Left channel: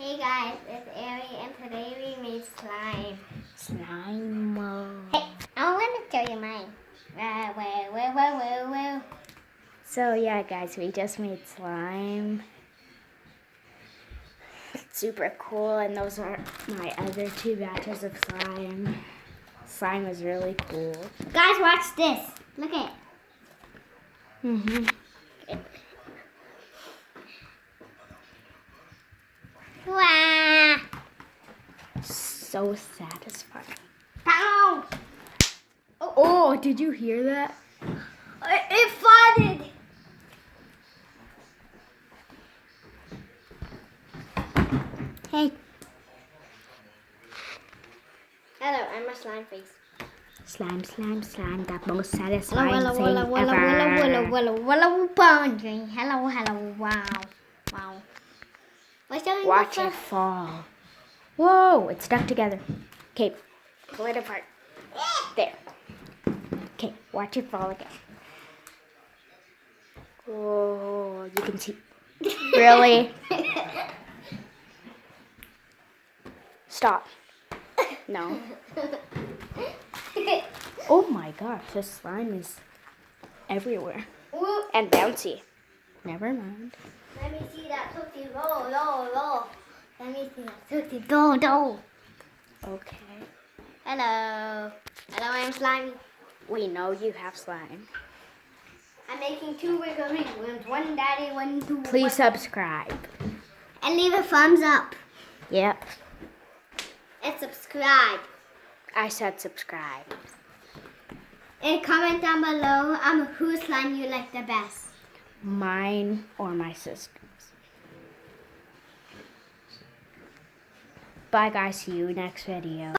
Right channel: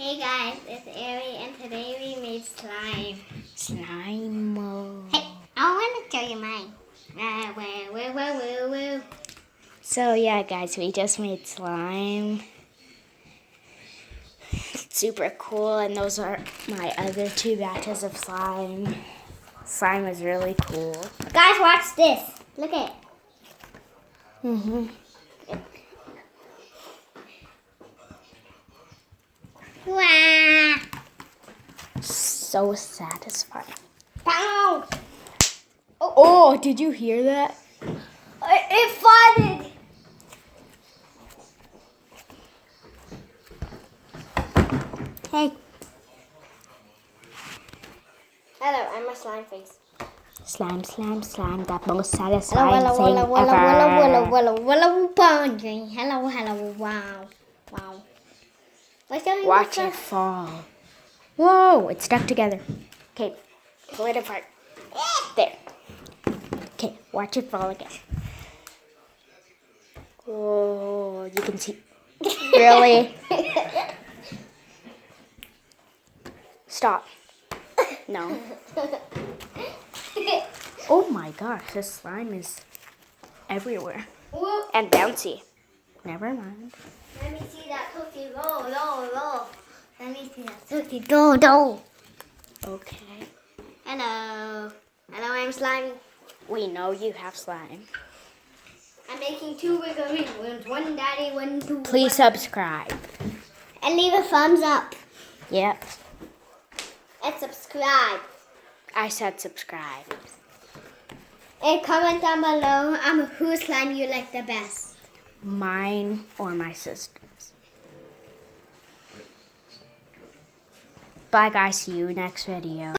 Hey guys, it's Ari and today we made slime. Slime. Hey, I want to show you mine. Woo. So yeah, guys, we just made slime. It's super cool, and those are my other 2 batches of slime. Slime is really cool. Guys, watch this. Look at it. Mhm. Wow. So satisfying. Pow. Oh, did you hear that? It farted. Hey. Hello, I'm a slime face. Slime, slime, slime, the most satisfying Hello, thing ever. Wow. What's your Watch it fall. Whoa, it's stuck together. Okay, pull it apart. There. Okay, watch it fall again. Oh, you can see. Really? Stop. No. Oh my gosh, this slime is everywhere. And bouncy. Never mind. Let me see that tootsie roll. Let me see that tootsie roll. Okay. Hello, I'm Slimy. We know you have slime. I'm making 2 wiggle rings. One daddy, one two. Please subscribe. And leave a thumbs up. Yep. And subscribe. I said subscribe. And comment down below whose slime you like the best. Mine or my sister's. Bye guys, see you next video.